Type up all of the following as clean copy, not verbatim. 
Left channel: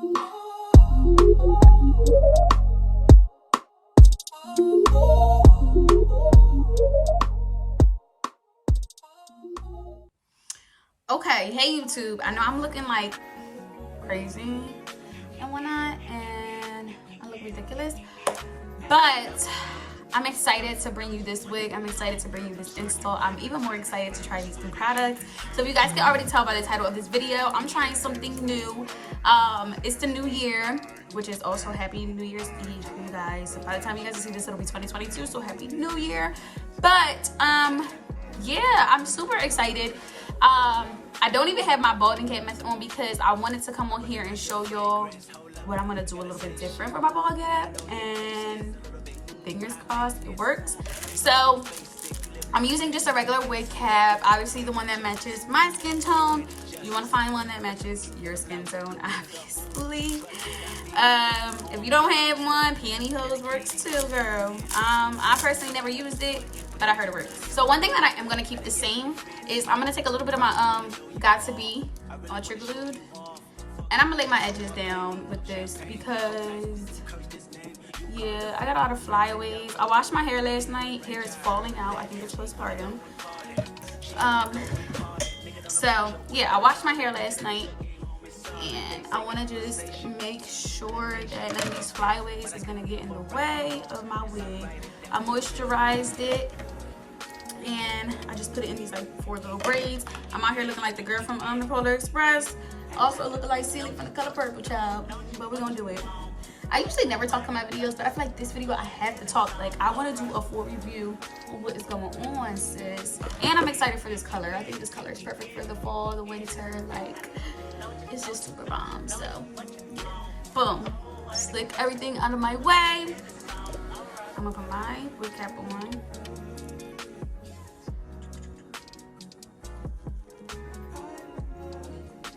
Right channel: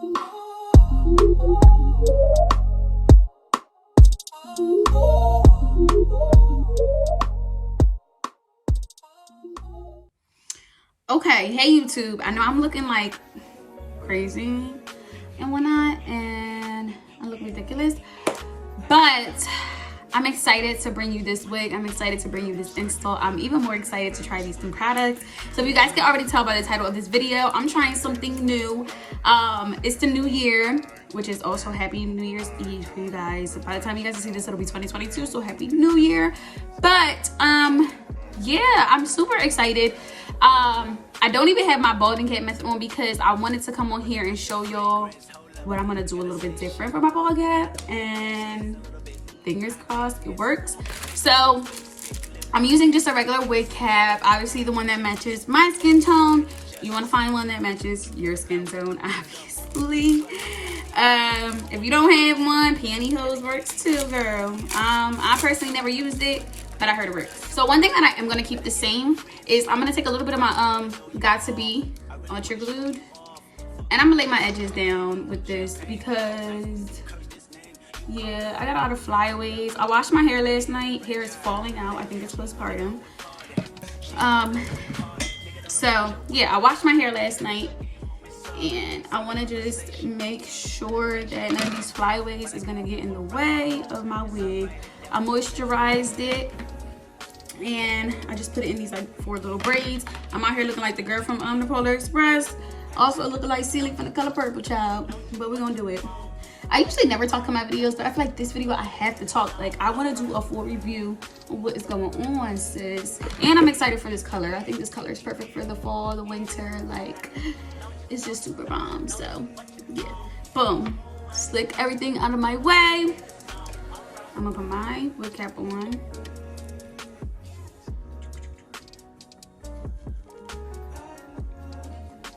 Okay, hey YouTube. I know I'm looking like crazy and whatnot, and I look ridiculous, but I'm excited to bring you this wig. I'm excited to bring you this install. I'm even more excited to try these new products. So if you guys can already tell by the title of this video, I'm trying something new. It's the new year, which is also happy New Year's Eve for you guys. By the time you guys see this, it'll be 2022, so happy New Year. But yeah, I'm super excited. I don't even have my balding cap method on because I wanted to come on here and show y'all what I'm gonna do a little bit different for my bald cap, and fingers crossed it works. So I'm using just a regular wig cap, obviously the one that matches my skin tone. You want to find one that matches your skin tone, obviously. If you don't have one, pantyhose works too, girl. I personally never used it, but I heard it works. So one thing that I am going to keep the same is I'm going to take a little bit of my Got To Be Ultra Glued, and I'm going to lay my edges down with this because, yeah, I got a lot of flyaways. I washed my hair last night. Hair is falling out. I think it's postpartum. So, yeah, I washed my hair last night, and I want to just make sure that none of these flyaways are going to get in the way of my wig. I moisturized it, and I just put it in these like 4 little braids. I'm out here looking like the girl from the Polar Express. Also looking like Celie from The Color Purple, child. But we're going to do it. I usually never talk in my videos, but I feel like this video I have to talk. Like, I want to do a full review of what is going on, sis. And I'm excited for this color. I think this color is perfect for the fall, the winter. Like, it's just super bomb. So, yeah. Boom. Slick everything out of my way. I'm going to put my wig cap on.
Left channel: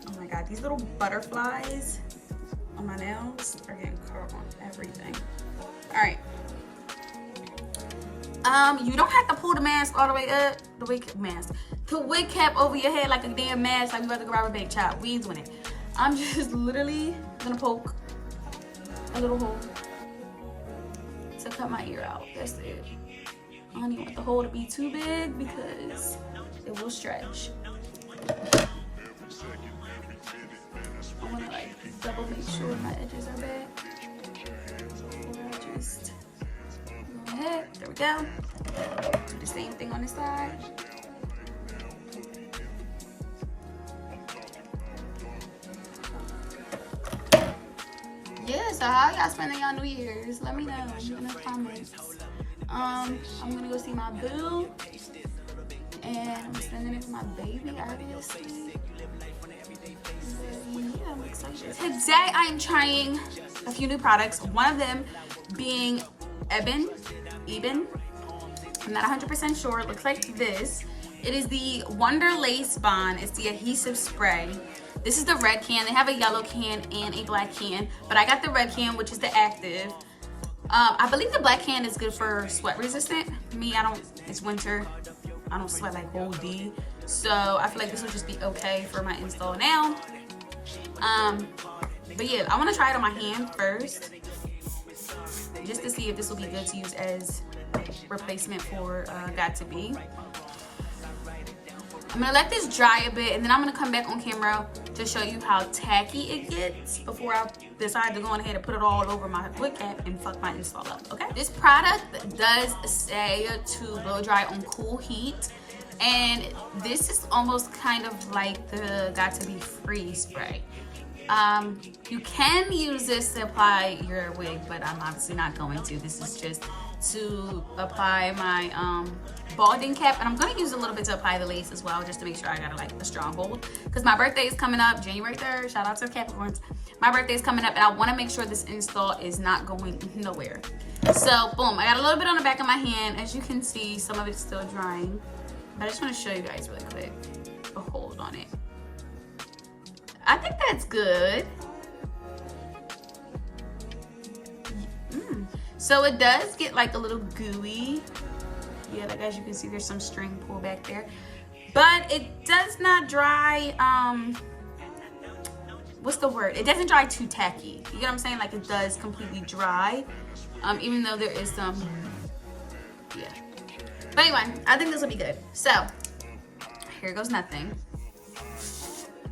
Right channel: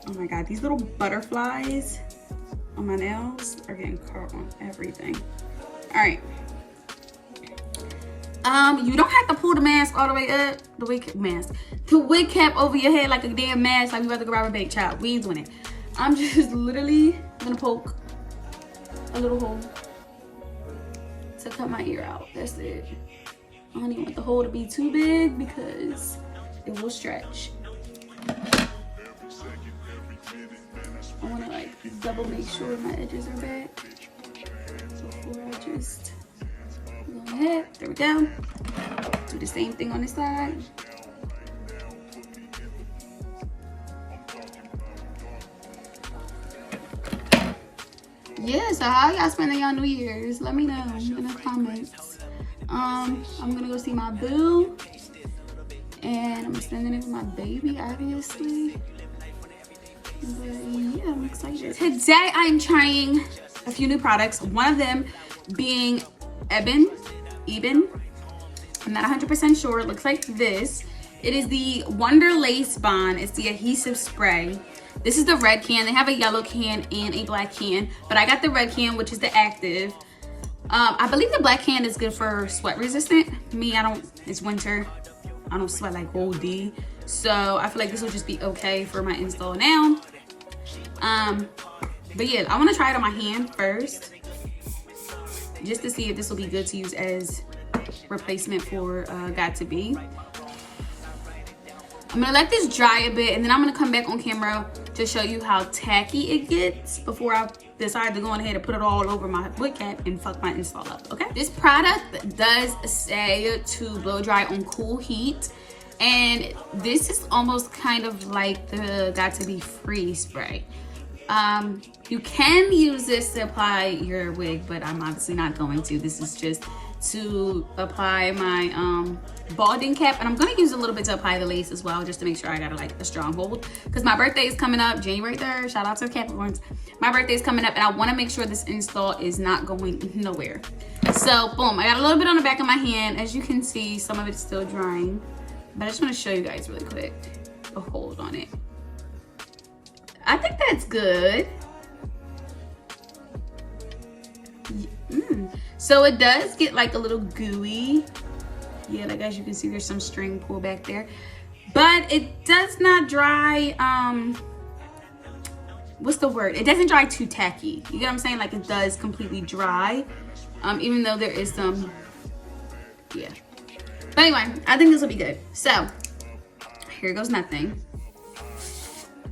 Oh my God, these little butterflies on my nails are getting caught on everything. All right. You don't have to pull the mask all the way up. The wig cap over your head like a damn mask, like you about to go rob a bank, child. We ain't doing it. I'm just literally gonna poke a little hole to cut my ear out. That's it. I don't even want the hole to be too big because it will stretch. I want to like double make sure my edges are back before I just go ahead. There we go. Do the same thing on this side. Yeah, so how y'all spending y'all New Year's? Let me know in the comments. I'm gonna go see my boo, and I'm spending it with my baby, obviously. But yeah, I'm excited. Today I'm trying a few new products. One of them being Ebin. I'm not 100% sure. It looks like this. It is the Wonder Lace Bond. It's the adhesive spray. This is the red can. They have a yellow can and a black can, but I got the red can, which is the active. I believe the black can is good for sweat resistant. Me, I don't. It's winter. I don't sweat like old D. So I feel like this will just be okay for my install now. But yeah, I want to try it on my hand first, just to see if this will be good to use as replacement for Got To Be. I'm gonna let this dry a bit, and then I'm gonna come back on camera to show you how tacky it gets before I decide to go on ahead and put it all over my wig cap and fuck my install up, okay? This product does say to blow dry on cool heat, and this is almost kind of like the Got To Be Free spray. You can use this to apply your wig, but I'm obviously not going to. This is just to apply my balding cap, and I'm going to use a little bit to apply the lace as well, just to make sure I got like a strong hold, because my birthday is coming up January 3rd. Shout out to the Capricorns. My birthday is coming up, and I want to make sure this install is not going nowhere. So boom, I got a little bit on the back of my hand. As you can see, some of it's still drying, but I just want to show you guys really quick a hold on it. I think that's good. So it does get like a little gooey. Yeah, like as you can see, there's some string pull back there, but it does not dry what's the word? It doesn't dry too tacky. You get what I'm saying? Like it does completely dry. Even though there is some, yeah. But anyway, I think this will be good. So, here goes nothing.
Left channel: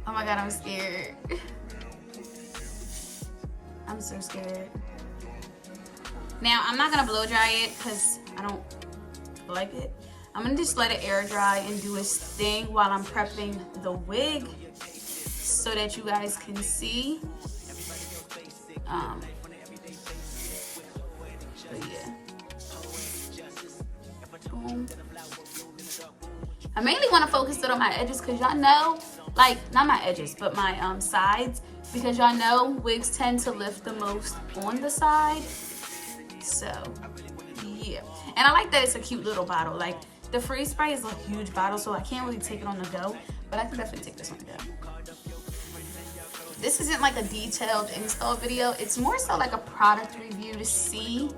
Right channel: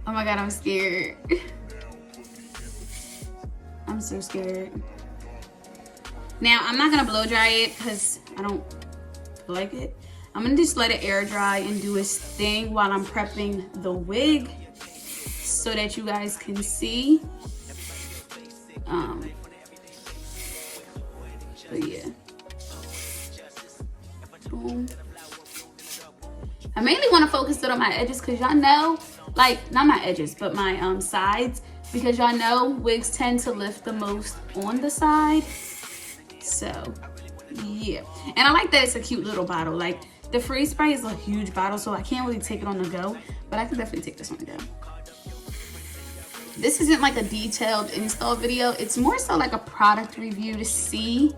Oh my God, I'm scared. I'm so scared. Now, I'm not gonna blow dry it because I don't like it. I'm gonna just let it air dry and do its thing while I'm prepping the wig so that you guys can see. But yeah. Boom. I mainly want to focus it on my edges because y'all know, like, not my edges, but my sides, because y'all know wigs tend to lift the most on the side. So yeah, and I like that it's a cute little bottle. Like the freeze spray is a huge bottle, so I can't really take it on the go, but I can definitely take this on the go. This isn't like a detailed install video. It's more so like a product review to see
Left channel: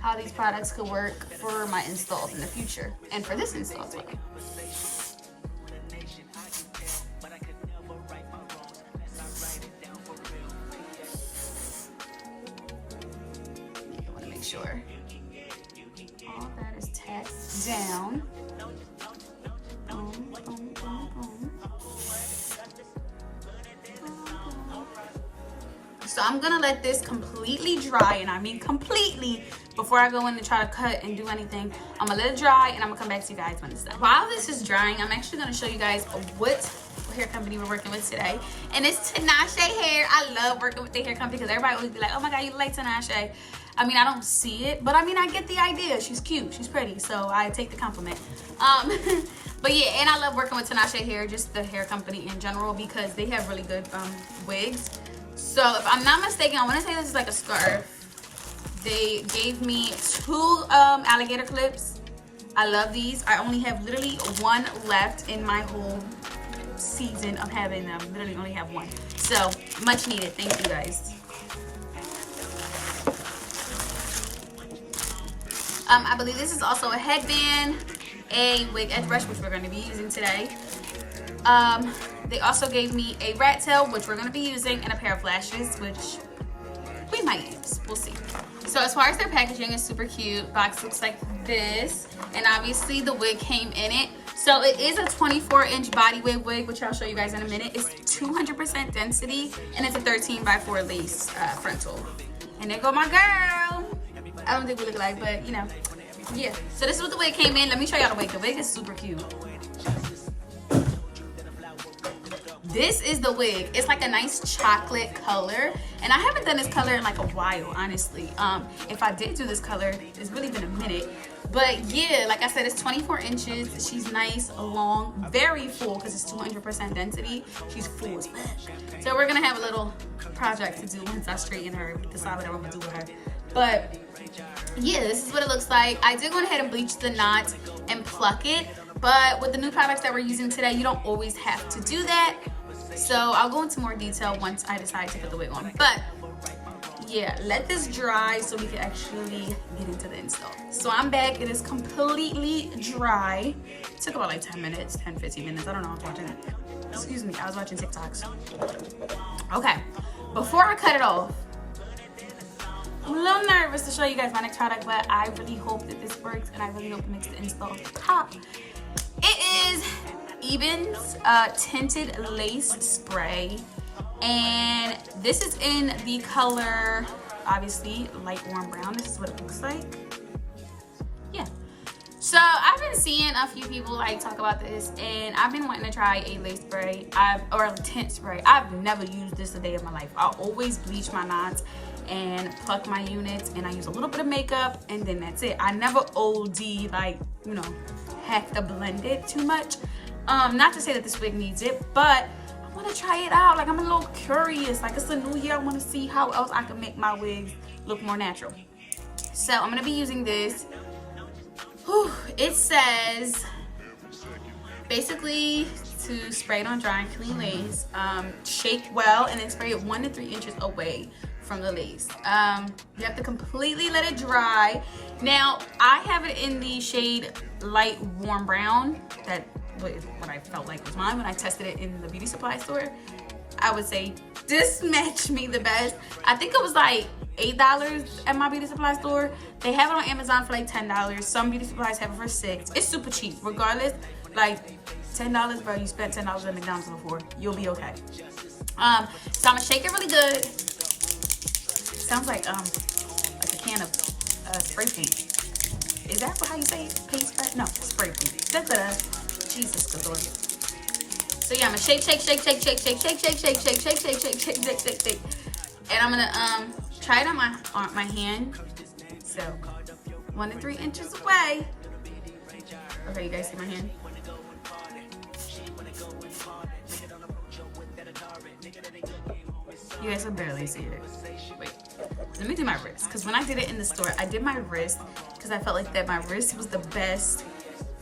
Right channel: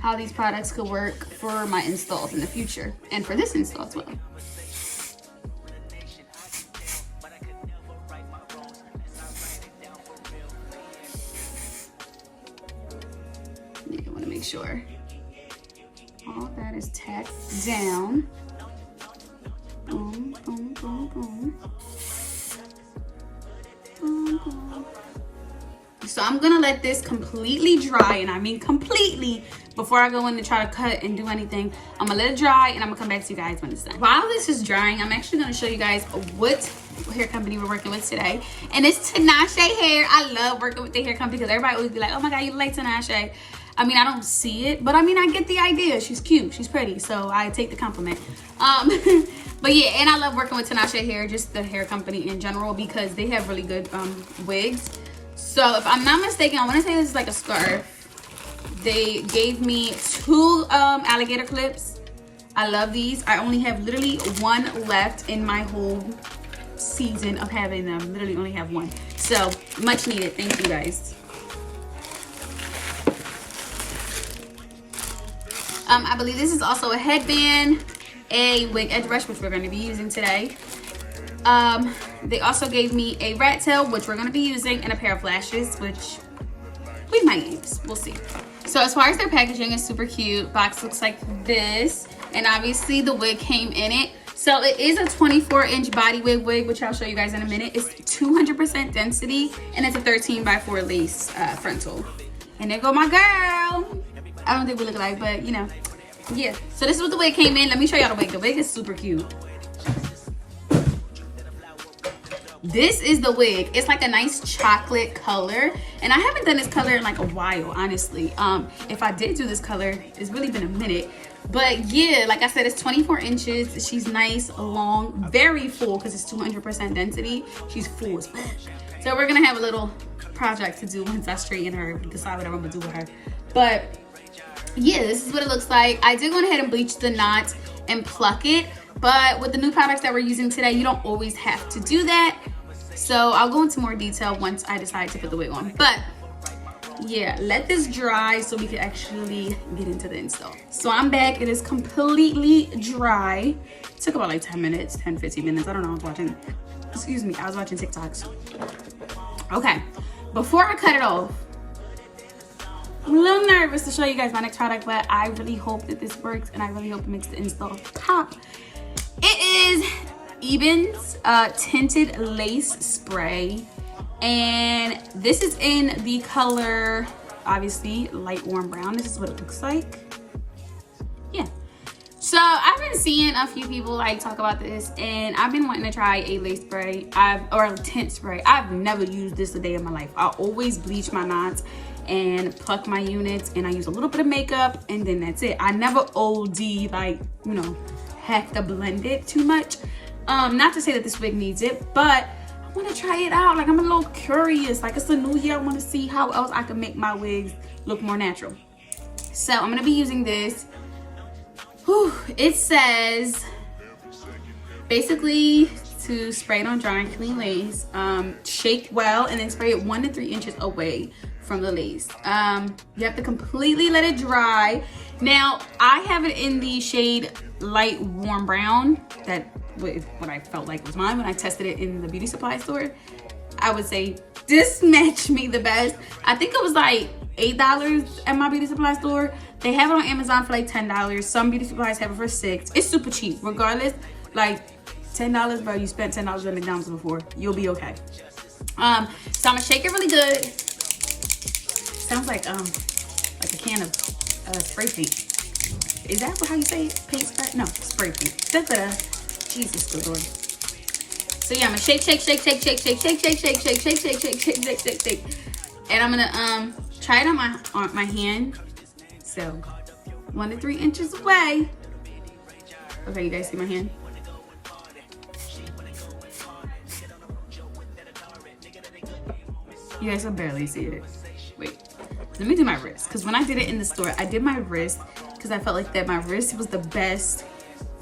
how these products could work for my installs in the future and for this install as well. Yeah, I want to make sure all that is tacked down. Boom, boom, boom, boom. So I'm gonna let this completely dry, and I mean completely, before I go in to try to cut and do anything. I'm gonna let it dry and I'm gonna come back to you guys when it's done. While this is drying, I'm actually gonna show you guys what hair company we're working with today. And it's Tinashe Hair. I love working with the hair company because everybody always be like, oh my God, you like Tinashe. I mean, I don't see it, but I mean, I get the idea. She's cute, she's pretty, so I take the compliment. But yeah, and I love working with Tinashe Hair, just the hair company in general, because they have really good wigs. So if I'm not mistaken, I want to say this is like a scarf. They gave me 2 alligator clips. I love these. I only have literally 1 left in my whole season of having them. Literally only have 1. So much needed. Thank you guys. I believe this is also a headband, a wig edge brush, which we're going to be using today. They also gave me a rat tail, which we're going to be using, and a pair of lashes, which we might use. We'll see. So as far as their packaging, is super cute. Box looks like this, and obviously the wig came in it. So it is a 24-inch body wig, which I'll show you guys in a minute. It's 200% density, and it's a 13x4 lace frontal. And there go my girl. I don't think we look alike, but you know, yeah. So this is what the wig came in. Let me show y'all the wig. The wig is super cute. This is the wig. It's like a nice chocolate color, and I haven't done this color in like a while, honestly. If I did do this color, it's really been a minute. But yeah, like I said, it's 24 inches. She's nice, long, very full because it's 200% density. She's full as fuck. So we're gonna have a little project to do once I straighten her, decide what I'm gonna do with her. But yeah, this is what it looks like. I did go ahead and bleach the knot and pluck it, but with the new products that we're using today, you don't always have to do that. So I'll go into more detail once I decide to put the wig on. But yeah, let this dry so we can actually get into the install. So I'm back. It is completely dry. It took about like 10 minutes, 10, 15 minutes. I don't know. I was watching, excuse me, I was watching TikToks. Okay, before I cut it off, I'm a little nervous to show you guys my next product, but I really hope that this works, and I really hope it makes the install pop. It is Ebin's tinted lace spray, and this is in the color, obviously, light warm brown. This is what it looks like. Yeah. So I've been seeing a few people like talk about this, and I've been wanting to try a lace spray, or a tint spray. I've never used this a day in my life. I always bleach my knots and pluck my units, and I use a little bit of makeup, and then that's it. I never OD, like, you know, have to blend it too much. Not to say that this wig needs it, but I want to try it out. Like, I'm a little curious. Like, it's a new year. I want to see how else I can make my wigs look more natural. So I'm gonna be using this. Whew, it says basically to spray it on dry and clean lace, shake well, and then spray it 1 to 3 inches away from the lace. You have to completely let it dry. Now I have it in the shade light warm brown. That was what I felt like was mine when I tested it in the beauty supply store. I would say This matched me the best. I think it was like $8 at my beauty supply store. They have it on Amazon for like $10. Some beauty supplies have it for $6. It's super cheap. Regardless, like $10, bro. You spent $10 at McDonald's before. You'll be okay. So I'm gonna shake it really good. Sounds like a can of spray paint. Is that how you say it? Paint spray? No, spray paint. Jesus, good Lord. So yeah, I'm gonna shake. And I'm gonna try it on my hand. So 1 to 3 inches away. Okay, you guys see my hand? You guys can barely see it. Wait, let me do my wrist. Because when I did it in the store, I did my wrist because I felt like that my wrist was the best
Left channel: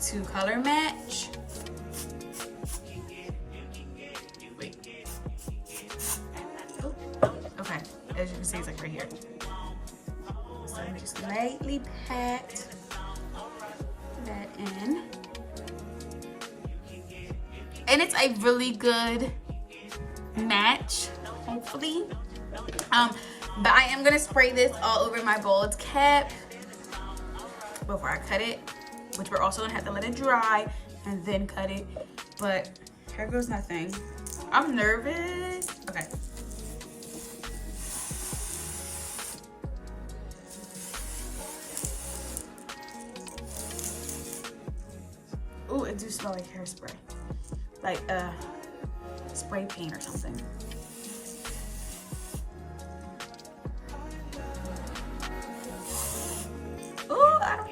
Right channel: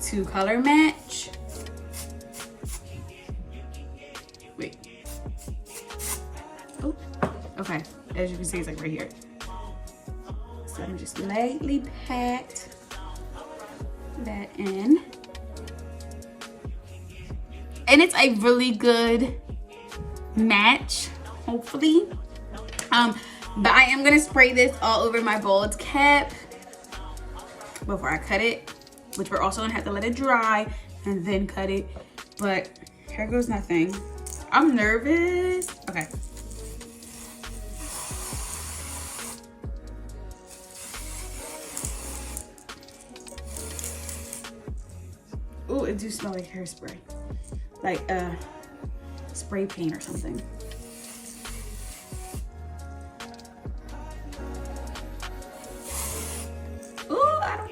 to color match. Wait. Oh, okay. As you can see, it's like right here. So I'm just lightly pat that in. And it's a really good match, hopefully. But I am gonna spray this all over my bald cap before I cut it, which we're also gonna have to let it dry and then cut it. But here goes nothing. I'm nervous. Okay. Ooh, it do smell like hairspray. Like spray paint or something.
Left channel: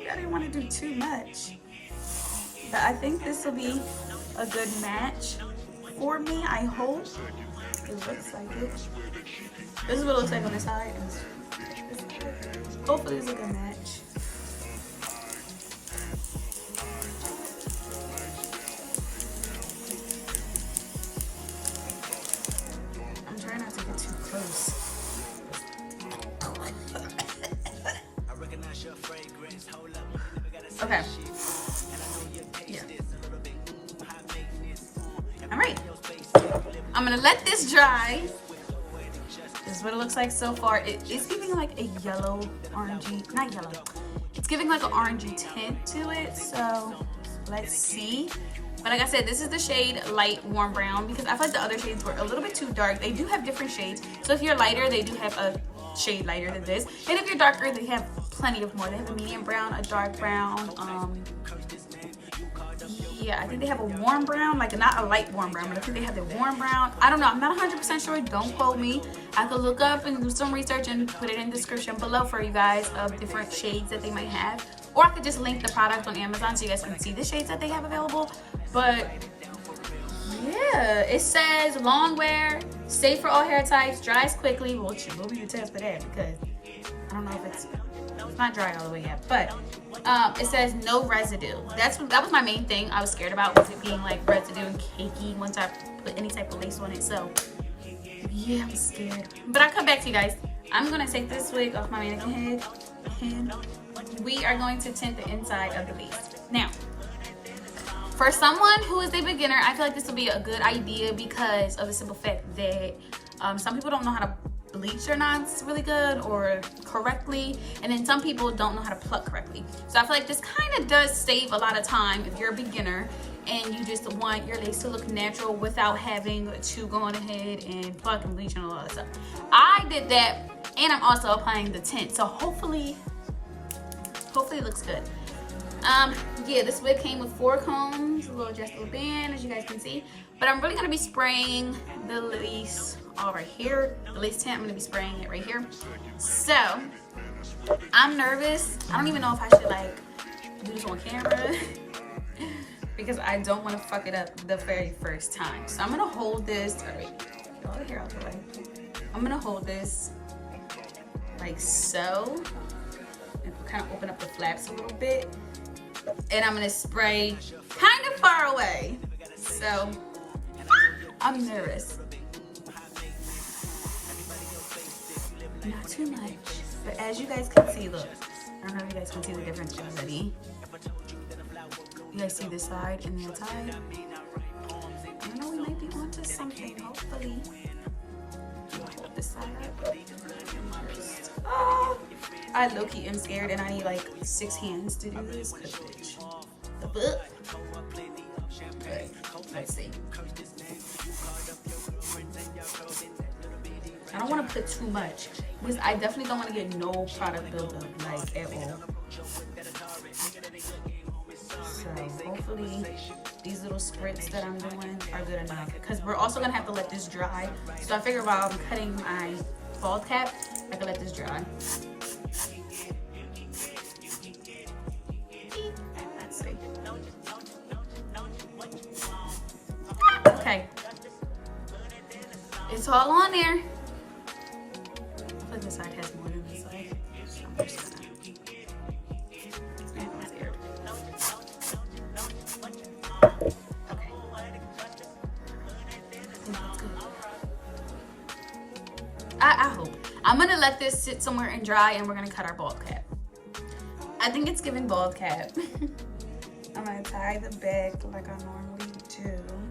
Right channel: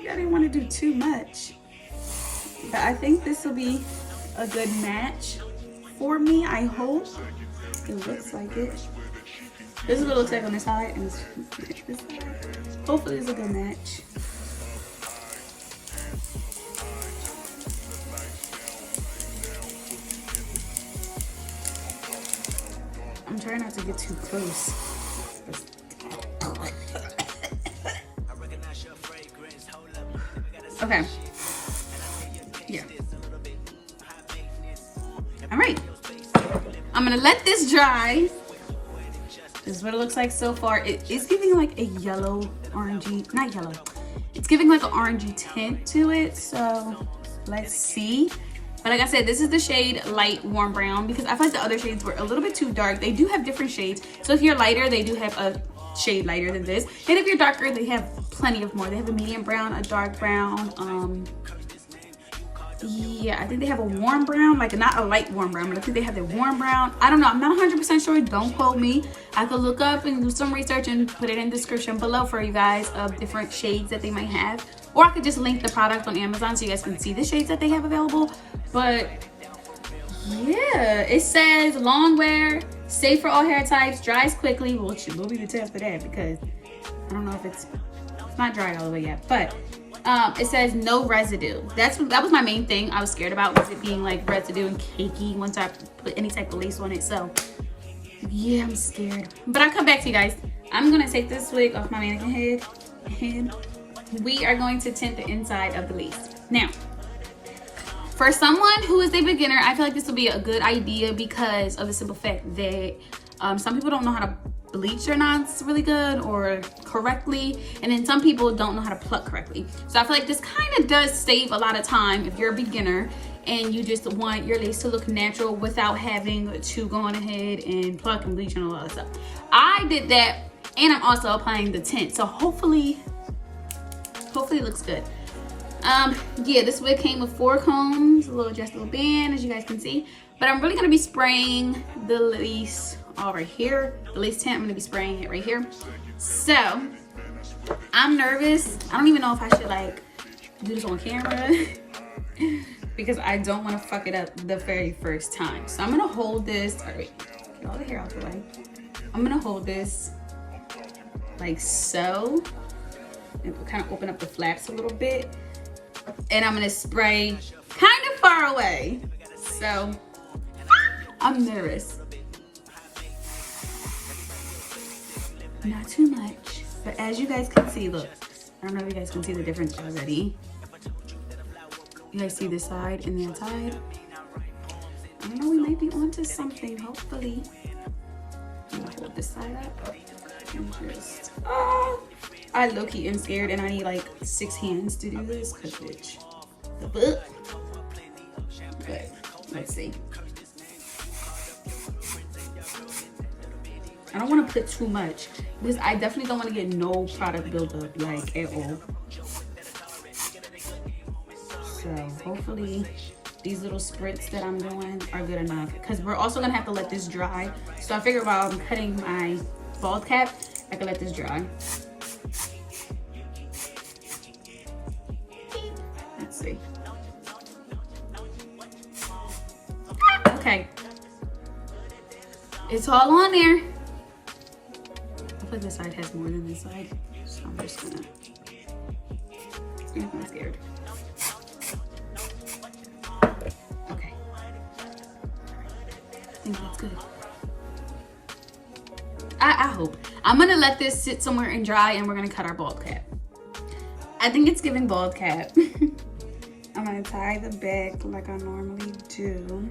I didn't want to do too much, but I think this will be a good match for me. I hope it looks like it. This is what it looks like on the side, and hopefully it's a good match. I'm trying not to get too close. Okay. Yeah. All right. I'm gonna let this dry. This is what it looks like so far. It's giving like a yellow, orangey, not yellow. It's giving like an orangey tint to it. So let's see. But like I said, this is the shade light warm brown because I feel like the other shades were a little bit too dark. They do have different shades. So if you're lighter, they do have a shade lighter than this. And if you're darker, they have plenty of more. They have a medium brown, a dark brown. Yeah, I think they have a warm brown, like not a light warm brown, but I think they have the warm brown. I don't know. I'm not 100% sure. Don't quote me. I could look up and do some research and put it in the description below for you guys of different shades that they might have. Or I could just link the product on Amazon so you guys can see the shades that they have available. But yeah, it says long wear, safe for all hair types, dries quickly. Well, we'll be the test for that because I don't know if it's not dried all the way yet. But it says no residue. That was my main thing I was scared about, was it being like residue and cakey once I put any type of lace on it. So yeah, I'm scared. But I'll come back to you guys. I'm gonna take this wig off my mannequin head and we are going to tint the inside of the lace. Now, for someone who is a beginner, I feel like this will be a good idea because of the simple fact that some people don't know how to bleach their knots really good or correctly, and then some people don't know how to pluck correctly. So I feel like this kind of does save a lot of time if you're a beginner and you just want your lace to look natural without having to go on ahead and pluck and bleach and all that stuff. I did that, and I'm also applying the tint, so hopefully it looks good. Yeah, this wig came with 4 combs, a little adjustable band, as you guys can see. But I'm really gonna be spraying the lace over here. The lace tint, I'm gonna be spraying it right here. So, I'm nervous. I don't even know if I should like do this on camera because I don't wanna fuck it up the very first time. So I'm gonna hold this, get all the hair out the way. I'm gonna hold this like so. And kind of open up the flaps a little bit, and I'm gonna spray kind of far away, so I'm nervous. Not too much, but as you guys can see, look, I don't know if you guys can see the difference already. You guys see this side and the other side? I don't know, we might be onto something, hopefully. this side up. Oh, I low-key am scared and I need like 6 hands to do this, cause bitch. Okay, let's see. I don't want to put too much because I definitely don't want to get no product buildup like at all. So hopefully these little spritz that I'm doing are good enough, because we're also gonna have to let this dry. So I figure while I'm cutting my bald cap, I can let this dry. Let's see. Okay, it's all on there. I feel like this side has more than this side, so I'm just gonna. I'm scared. Okay. I think that's good. I hope. I'm gonna let this sit somewhere and dry, and we're gonna cut our bald cap. I think it's giving bald cap. I'm gonna tie the back like I normally do.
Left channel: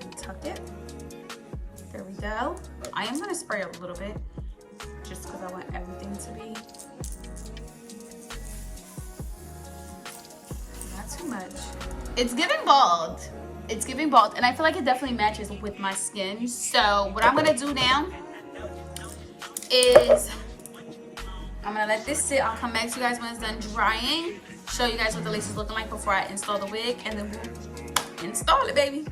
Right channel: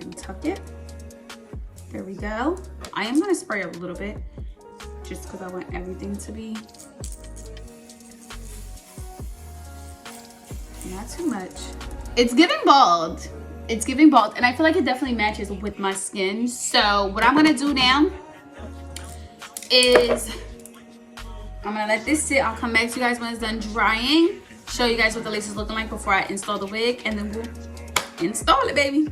And tuck it. There we go. I am gonna spray a little bit just because I want everything to be not too much. It's giving bald. It's giving bald, and I feel like it definitely matches with my skin. So what I'm gonna do now is I'm gonna let this sit. I'll come back to you guys when it's done drying, show you guys what the lace is looking like before I install the wig, and then we'll install it, baby.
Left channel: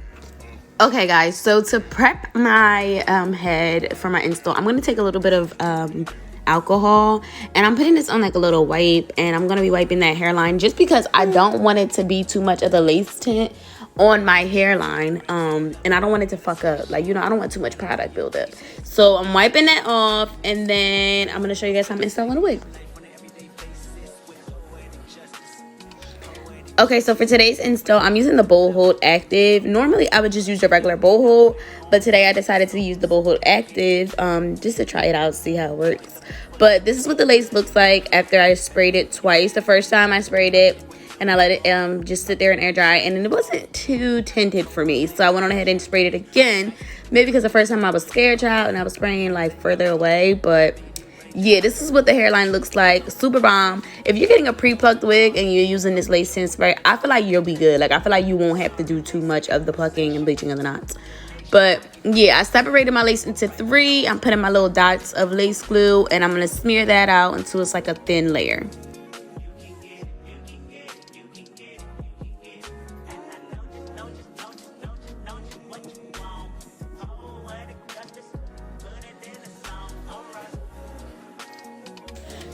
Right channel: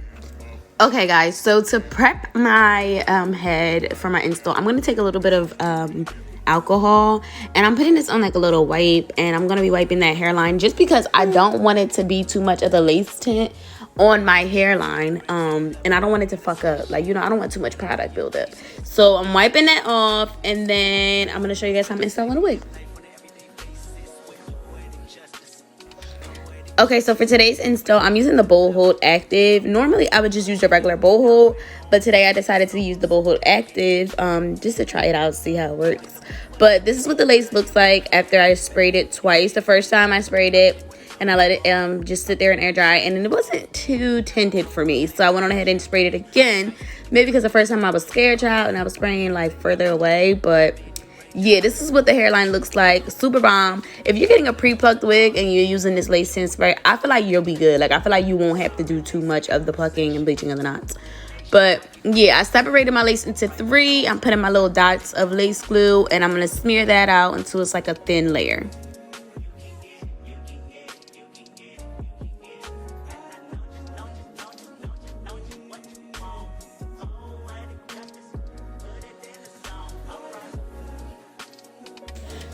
Okay guys, so to prep my head for my install, I'm going to take a little bit of alcohol, and I'm putting this on like a little wipe, and I'm going to be wiping that hairline just because I don't want it to be too much of the lace tint on my hairline, and I don't want it to fuck up, like, you know, I don't want too much product buildup. So I'm wiping that off, and then I'm going to show you guys how I'm installing the wig. Okay, so for today's install, I'm using the Bold Hold Active. Normally, I would just use the regular Bold Hold, but today I decided to use the Bold Hold Active just to try it out, see how it works. But this is what the lace looks like after I sprayed it twice. The first time I sprayed it, and I let it just sit there and air dry, and it wasn't too tinted for me. So I went on ahead and sprayed it again, maybe because the first time I was scared, child, and I was spraying like further away, but yeah, this is what the hairline looks like. Super bomb. If you're getting a pre-plucked wig and you're using this lace tint spray, I feel like you'll be good. Like, I feel like you won't have to do too much of the plucking and bleaching of the knots. But yeah, I separated my lace into 3. I'm putting my little dots of lace glue, and I'm going to smear that out until it's like a thin layer.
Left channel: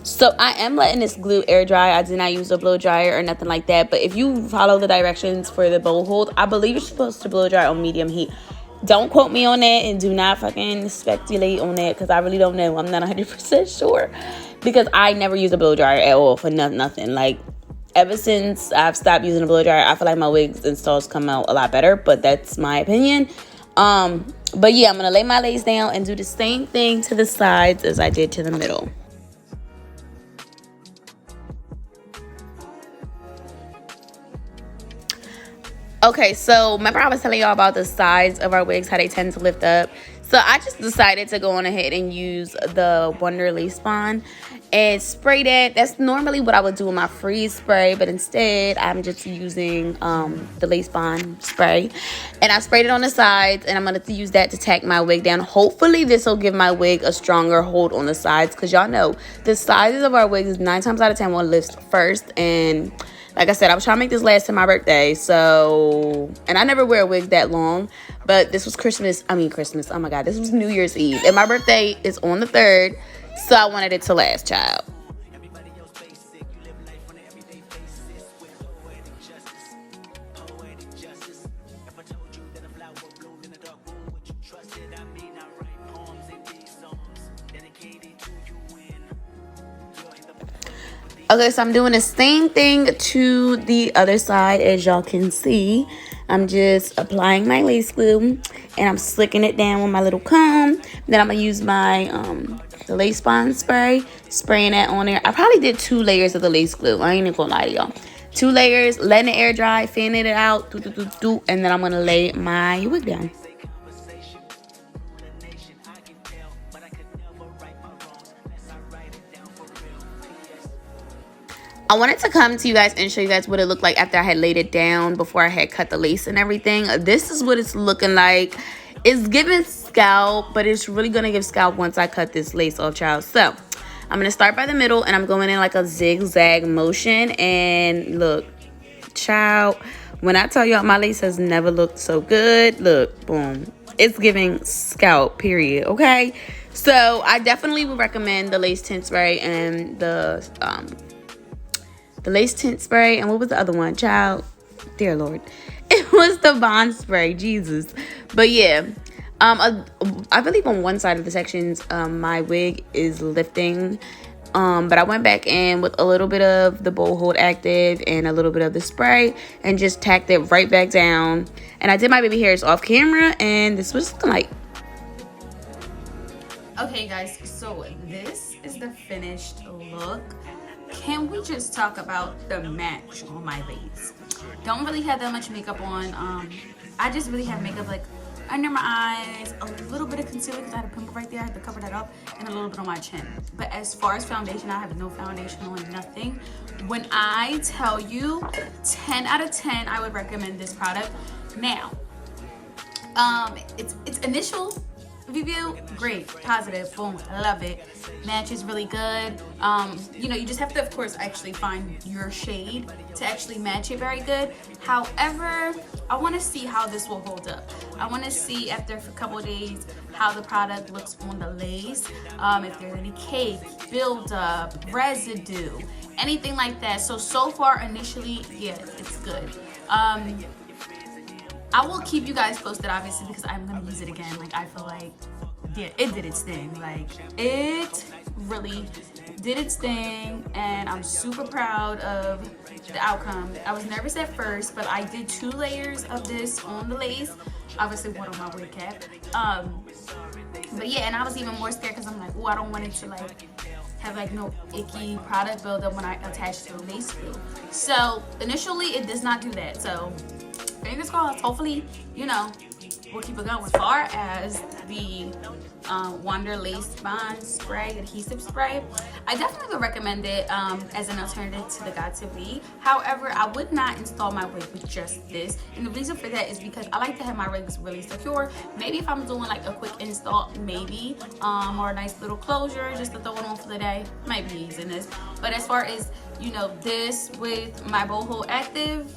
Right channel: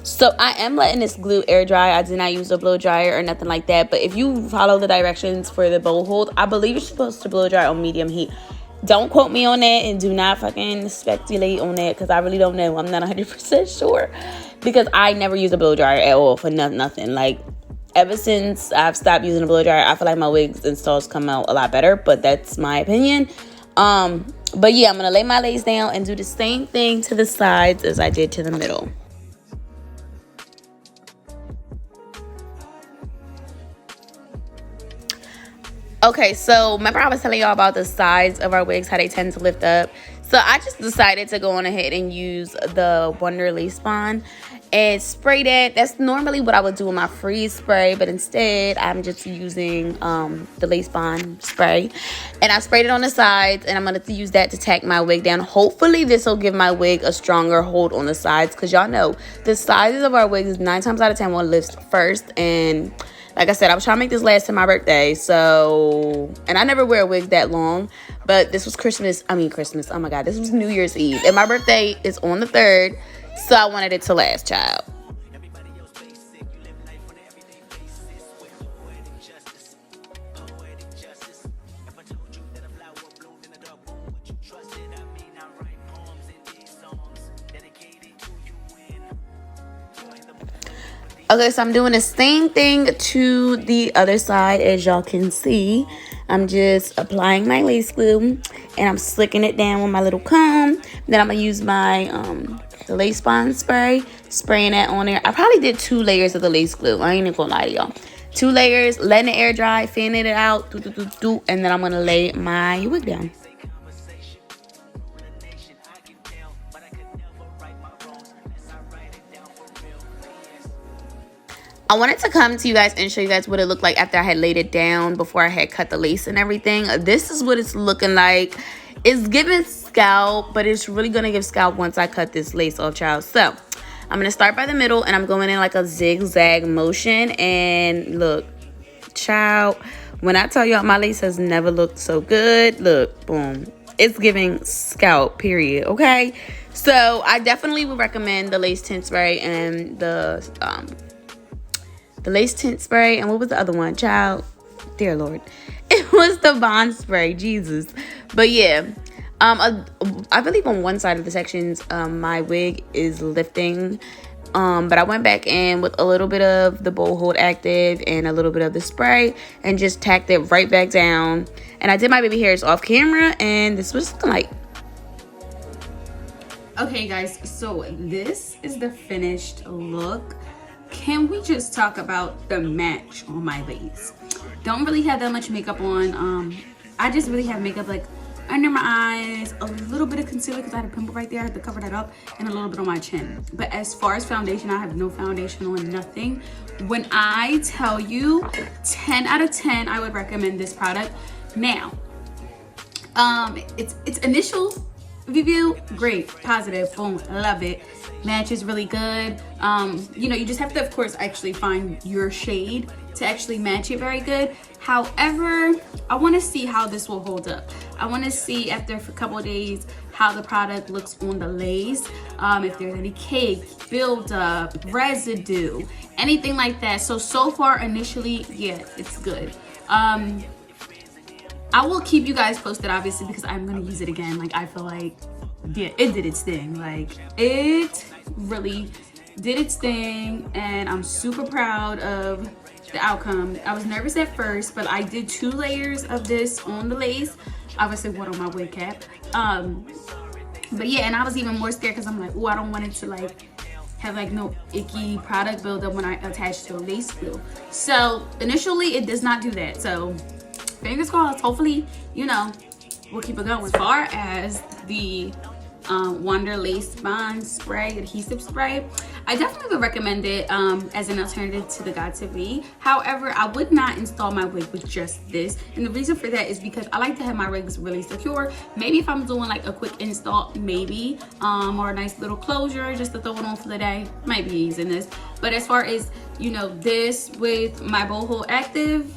So I am letting this glue air dry. I did not use a blow dryer or nothing like that. But if you follow the directions for the Bold Hold, I believe you're supposed to blow dry on medium heat. Don't quote me on that, and do not fucking speculate on that, because I really don't know. I'm not 100% sure, because I never use a blow dryer at all for nothing. Like, ever since I've stopped using a blow dryer, I feel like my wigs installs come out a lot better, but that's my opinion. But yeah, I'm going to lay my lace down and do the same thing to the sides as I did to the middle. Okay, so remember I was telling y'all about the sides of our wigs, how they tend to lift up. So I just decided to go on ahead and use the Wonder Lace Bond and spray that. That's normally what I would do with my freeze spray, but instead I'm just using the Lace Bond spray. And I sprayed it on the sides, and I'm going to use that to tack my wig down. Hopefully this will give my wig a stronger hold on the sides, because y'all know the sizes of our wigs 9 times out of 10 will lift first. And like I said, I was trying to make this last to my birthday, so, and I never wear a wig that long, but this was Christmas, oh my God, this was New Year's Eve, and my birthday is on the 3rd, so I wanted it to last, child. Okay, so I'm doing the same thing to the other side. As y'all can see, I'm just applying my lace glue, and I'm slicking it down with my little comb. Then I'm going to use my the Lace Bond spray, spraying that on there. I probably did 2 layers of the lace glue. I ain't even going to lie to y'all. 2 layers, letting it air dry, fanning it out, and then I'm going to lay my wig down. I wanted to come to you guys and show you guys what it looked like after I had laid it down before I had cut the lace and everything. This is what it's looking like. It's giving scalp, but it's really going to give scalp once I cut this lace off, child. So I'm going to start by the middle, and I'm going in like a zigzag motion. And look, child, when I tell y'all my lace has never looked so good, look, boom. It's giving scalp, period, okay? So I definitely would recommend the lace tint spray and the lace tint spray. And what was the other one, child? Dear Lord. It was the bond spray, Jesus. But yeah, I believe on one side of the sections, my wig is lifting. But I went back in with a little bit of the Bold Hold Active and a little bit of the spray and just tacked it right back down. And I did my baby hairs off camera, and this was looking like. Okay, guys, so this is the finished look. Can we just talk about the match on my lace? Don't really have that much makeup on. I just really have makeup like under my eyes, a little bit of concealer because I had a pimple right there. I had to cover that up, and a little bit on my chin. But as far as foundation, I have no foundation on, nothing. When I tell you 10 out of 10, I would recommend this product. Now, its initial review, great, positive, boom, love it. Match is really good. You know, you just have to, of course, actually find your shade to actually match it very good. However, I want to see how this will hold up. I want to see after a couple of days how the product looks on the lace, if there's any cake, buildup, residue, anything like that. So far, initially, yeah, it's good. I will keep you guys posted, obviously, because I'm going to use it again. Like, I feel like, yeah, it did its thing. Like, it really did its thing, and I'm super proud of the outcome. I was nervous at first, but I did 2 layers of this on the lace. Obviously, one on my wig cap. But yeah, and I was even more scared because I'm like, oh, I don't want it to, like, have like no icky product buildup when I attach the lace glue. So initially, it does not do that. So fingers crossed, hopefully, you know, we'll keep it going. As far as the Wonder Lace Bond Spray, adhesive spray, I definitely would recommend it as an alternative to the Got To Be. However, I would not install my wig with just this. And the reason for that is because I like to have my wigs really secure. Maybe if I'm doing like a quick install, maybe, or a nice little closure just to throw it on for the day, might be using this. But as far as, you know, this with my Bold Hold Active,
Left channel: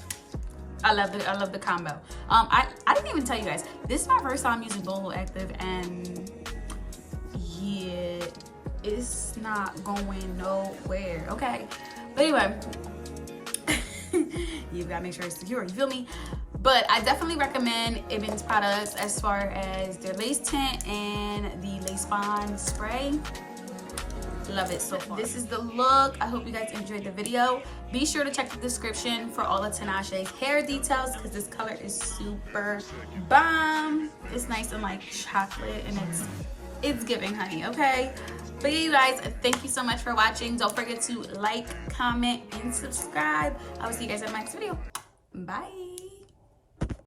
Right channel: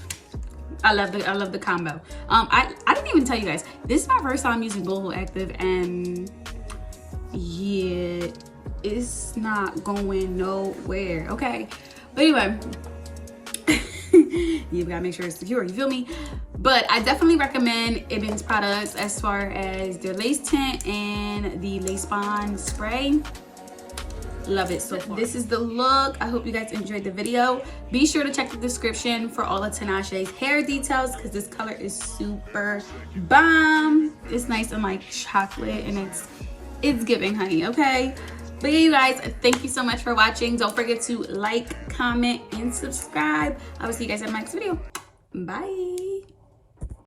I love the combo. I didn't even tell you guys, this is my first time using Bold Hold Active, and yeah, it's not going nowhere, okay? But anyway, you gotta make sure it's secure, you feel me? But I definitely recommend Ebin's products as far as their lace tint and the lace bond spray. Love it so far. This is the look. I hope you guys enjoyed the video. Be sure to check the description for all of Tinashe's hair details because this color is super bomb. It's nice and like chocolate, and it's giving honey, okay? But yeah, you guys, thank you so much for watching. Don't forget to like, comment, and subscribe. I will see you guys in my next video. Bye.